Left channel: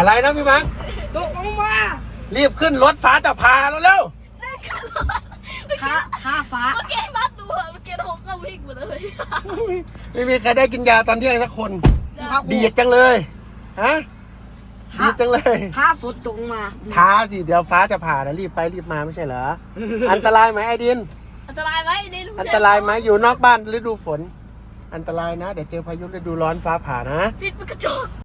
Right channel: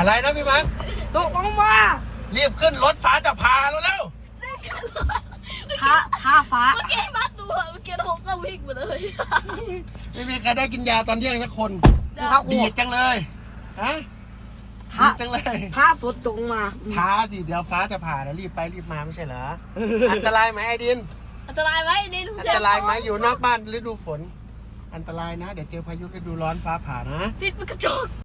อะไรนะพี่มาร์ค ตกลงมา รีบขึ้นรถฟ้าจะพาแล้วเร็ว ท้าฟ้า เมื่อกี้มัดดูเมื่อกี้ผมก็วิ่งมาเลย ไม่มีใครได้กินยาตอนเที่ยงสักคน ท้า ดีดจังเลยฮะดีดจังเลย ท้าฝนตกมา ท้าสิเดี๋ยวฟ้าจะผ่าแล้วรีบไปรีบมาไม่ใช่เหรอ อันตรายไหมไอ้ดิน อันตรายไหมนี่ลุง อัน เจ ตรายไหมอยู่นอกบ้านฤดูฝน อันตรายนะ เดี๋ยวเจอพายุฤดูร้อนฟ้าผ่านะ ปิดมันกระจก